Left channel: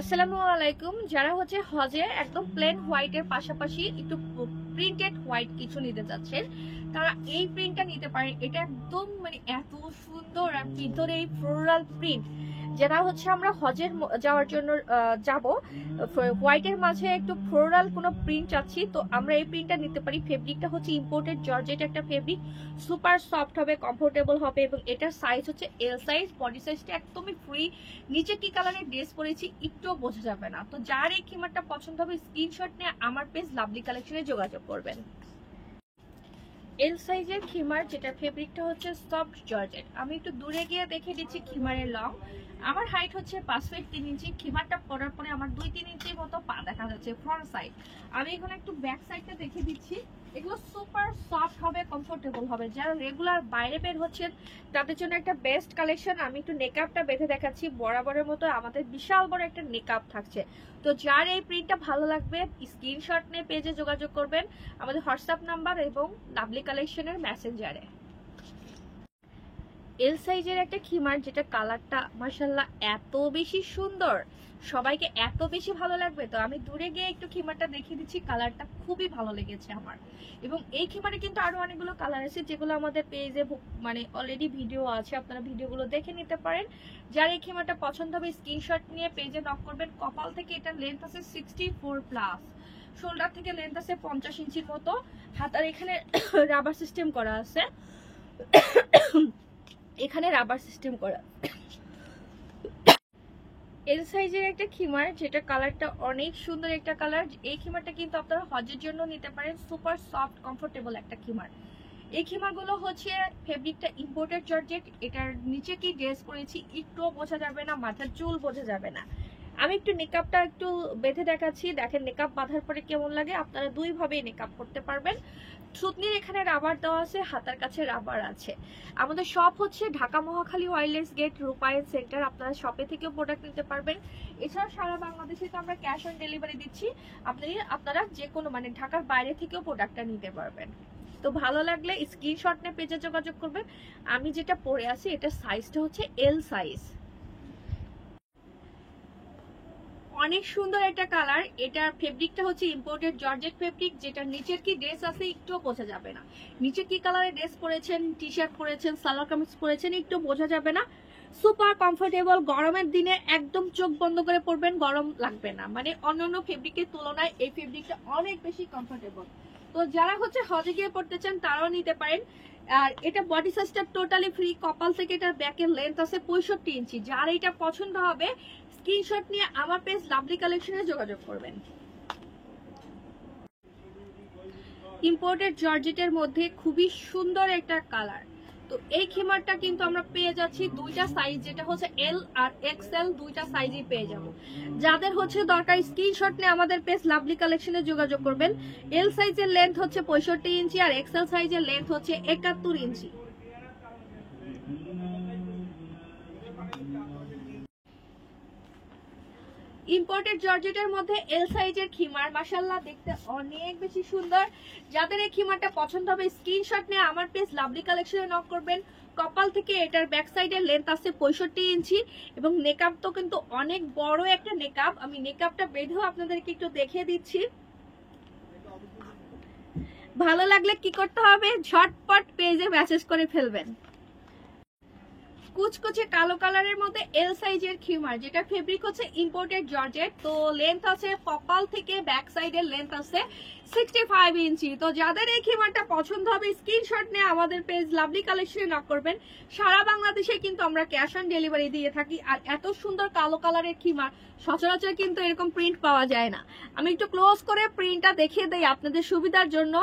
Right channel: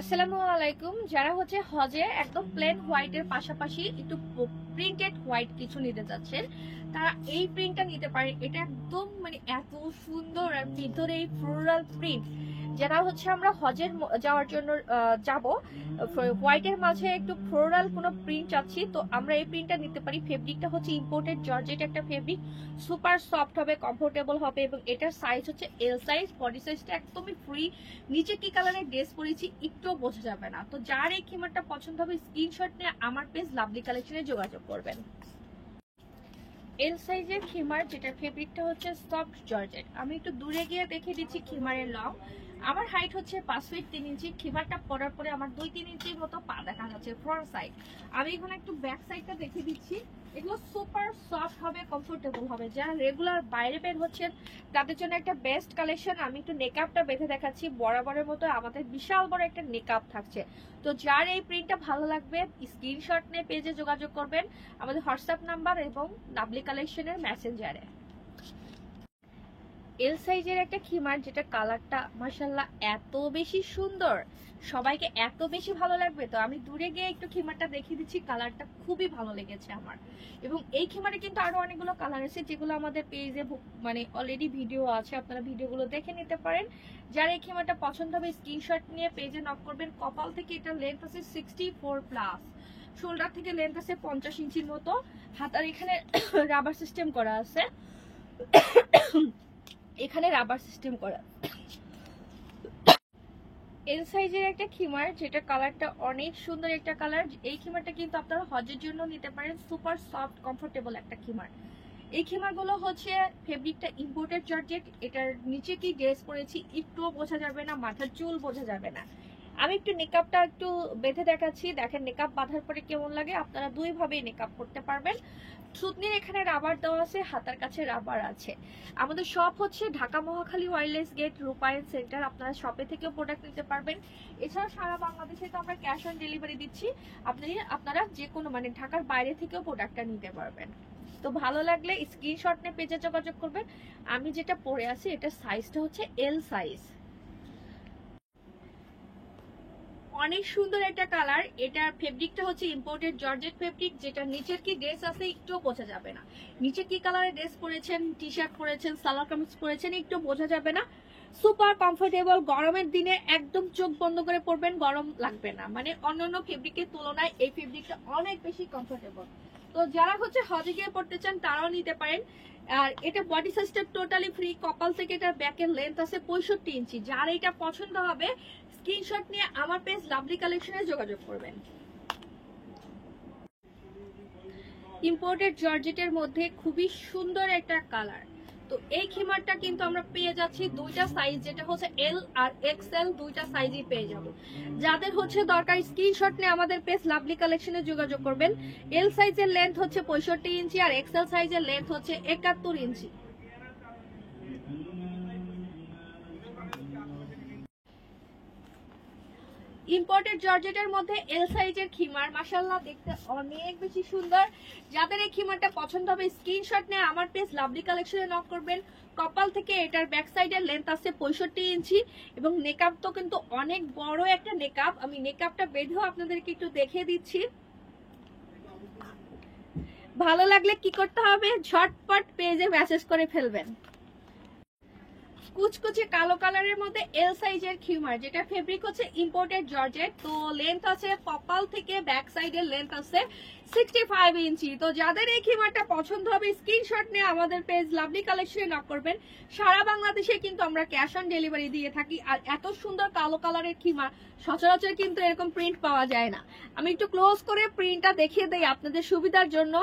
আসসালামু আলাইকুম। যারা হচ্ছে হজে একদম প্লেন হোয়াইটের পাশাপাশি একটু প্রিন্টেড হোয়াইট কিছু নিতে চাচ্ছেন, তারা এই প্রিন্টটা নিতে পারেন। এটা একদম মানে এত সুন্দর, আর ভিতরে এই ফ্লোরাল প্রিন্ট। যারা হচ্ছে আমরা হজের যাওয়ার জন্য যাব, হোয়াইটের মাঝে একটু ফ্লোরাল কোনো প্রিন্ট চাচ্ছি, তো আমরা এই প্রিন্টটা নিতে পারি। ফেব্রিকটা হচ্ছে ইম্পোর্টেড জর্জেট একটা ফেব্রিক, সুপার সফট হবে, কমফোর্টেবল হবে, এবং এটার সাইজ হচ্ছে এল সাইজ। বডি সাইজটা একদমই ফ্রি। নিচে কি কালারের ড্রেস পরেছি একটুও বোঝা যাবে না। তো যার এই খিমারটা পছন্দ হবে স্ক্রিনশট নিয়ে আমার পেজ লাভলি কালেকশনে যোগাযোগ করবেন। এল সাইজের খিমার, যেটা ফেব্রিকটা হচ্ছে সফট জর্জেট। আমি একটু দূরে গিয়ে দেখে দিচ্ছি খিমারের লং। আমার হাইট হচ্ছে 5 ফিট 3 ইঞ্চি। খিমারটা পরার পরে আমার 2-3 ইঞ্চির মতো পা দেখা যাচ্ছে ফ্রন্ট সাইড। আমি এখানে একটু ব্যাক সাইডটা দেখে দিচ্ছি। এগুলো সুপার সফট হবে, কমফোর্টেবল হবে। যারা রেগুলার বাইরে বের হচ্ছেন তাদের জন্য একটা বেস্ট কালেকশন। আমি একটু নেকআপটা বেঁধে দেখাচ্ছি। বরাবরের মতো আমাদের বিশাল বড় একটা নেকআপ থাকছে। তো যার এই প্রিন্টটা ভালো লাগবে স্ক্রিনশট নিয়ে পেজে যোগাযোগ করবেন আমাদের হোয়াটসঅ্যাপ নাম্বার এবং লাভলি কালেকশনের মেসেঞ্জারে। এল সাইজের একটা খিমার, যেটা কালারটা মাশাআল্লাহ এত বেশি সুন্দর, সবাইকে এত বেশি ভালো লাগবে। তো আমি দূরে গিয়ে একটু খিমারটা দেখিয়ে দিচ্ছি। কালারটা খুবই ভালো লেগেছে আমার। এবং এই খিমারে কিন্তু আরো অনেকগুলো কালার আছে, যেগুলো আমাদের পেজে মানে অলরেডি ভিডিও আছে, আপনারা ভিডিওগুলো দেখে নিতে পারেন। যার এই খিমারটা পছন্দ হবে স্ক্রিনশট নিয়ে পেজে নক করবেন। কপাল থেকে এটা লেন্থ আছে 64+, শোল্ডার থেকে লেন্থ আছে 50 ইঞ্চির মতো। হাতার এখানে রাবার সিস্টেম করা আছে, এখানে রাবার সিস্টেম করা। এল সাইজের একটা খিমার, যেটা কালারটা অনেক সুন্দর একটা কালার। এই খিমারটা কিন্তু আপনারা হজের জন্য নিতে পারেন। সুপার সফট কমফোর্টেবল একটা খিমার। এই খিমারগুলো হচ্ছে ফেব্রিকটা ইম্পোর্টেড জর্জেট। এটার নিচে কি ড্রেস পরেছি একটুও বোঝা যাবে না, মাথার চুল বোঝা যাবে না। আমি একটু নেকআপটা একটু বেঁধে দেখাচ্ছি, দেখেন নেকআপ বাঁধার পরে কেমন লাগে। আপনারা দুইভাবে নেকআপ করতে পারবেন। থুতনির এখানে রাবার দেওয়া আছে, হাতার কাছে রাবার আছে। আমাদের শপ হচ্ছে ঢাকা মহাখালী ওয়্যারলেস গেট রূপায়ণ সেন্টার। আপনারা শপে থেকেও প্রোডাক্ট নিতে পারবেন। এছাড়াও সারা বাংলাদেশে তো আমরা ক্যাশ অন ডেলিভারি দিচ্ছি। আপনারা যে কোনো মানে ঢাকার বাইরে থেকেও প্রোডাক্টটা নিতে পারবেন। তো ভালো লাগলে স্ক্রিনশট নিয়ে পেজে যোগাযোগ করবেন। আমি যেটা পরে আছি এটার সাইজটা হচ্ছে এল সাইজ। অনেক সুন্দর একটা কালার। এটার ফেব্রিকটা হচ্ছে ইম্পোর্টেড জর্জেট ফেব্রিক, যেটা নিচের কি ড্রেস আছে একটু বোঝা যাবে না। নিচে কি কালারের ড্রেস পরেছেন, টি শার্ট পরেছেন, সালোয়ার কামিজ পরেছেন, একটু বোঝা যাবে না। Super comfortable. গরমের দিনে একদম চোখ বন্ধ করে পরবেন, গরম লাগবে না। মানে অন্যান্য ফেব্রিকের তুলনায় এই ফেব্রিকটা অনেক বেশি কমফোর্টেবল। তো যারা হচ্ছে হজে গিয়ে পড়তে চান তারাও নিতে পারেন। আর এটা বডি সাইজটা টোটালি ফ্রি। কপাল থেকে এটা ব্যাকের লেন্থ আছে 65 ইঞ্চি। যার এটা পছন্দ হবে স্ক্রিনশট নিয়ে আমার পেজ লাভলি কালেকশনে যোগাযোগ করবেন। ইম্পোর্টেড জর্জেটের মধ্যে খুবই সুন্দর একটা কালার। তো এই খিমারটা কিন্তু আমরা পেয়ে যাচ্ছি দুইটা সাইজ, যেটা হচ্ছে এল আর এক্সএল, দুইটা সাইজই পেয়ে যাব। যাদের হচ্ছে দরকার স্ক্রিনশট নিয়ে আমাদের পেজ লাভলি কালেকশনে যোগাযোগ করবেন। এল সাইজের লেন্থ হচ্ছে 65 ইঞ্চি আর এক্সএল সাইজের লেন্থ হচ্ছে 71 ইঞ্চি। ইম্পোর্টেড জর্জেটের মধ্যে এল সাইজের খিমার, মাশাআল্লাহ দেখতে অনেক বেশি সুন্দর। যাদের এই খিমারটা পছন্দ হবে স্ক্রিনশট নিয়ে আমার পেজ লাভলি কালেকশনে নক করবেন। কপাল থেকে এটার ব্যাক সাইডের লেন্থ আছে 65 ইঞ্চি এবং নেকআপ তো কিন্তু অনেক বড় একটা নেকআপ। আমি নেকআপটা বেঁধেও আপনাদেরকে একটু দেখিয়ে দিচ্ছি। ভালো লাগলে কি করতে হবে, ঝটপট পেজে মেসেজ করে ফেলবেন। কুচকুচে কালো কালারের মধ্যে এল সাইজের খিমার, যেটা ফেব্রিক হচ্ছে ইম্পোর্টেড জর্জেট। তো লেন্থ আছে কপাল থেকে ব্যাক সাইডের লেন্থ আছে 65 ইঞ্চি। তো যাদের এই খিমারটা পছন্দ হবে স্ক্রিনশট নিয়ে আমাদের পেজ লাভলি কালেকশনে নক করবেন। সারা বাংলাদেশে কিন্তু আমরা ক্যাশ অন ডেলিভারি দিয়ে থাকি। আর এত সুন্দর কালো কালারের খিমার সচরাচর কিন্তু এরকম প্রিন্ট পাওয়া যায় না। আমি একটু ক্লোজ করে প্রিন্টটা দেখিয়ে দেই আপনাদের সুবিধার জন্য।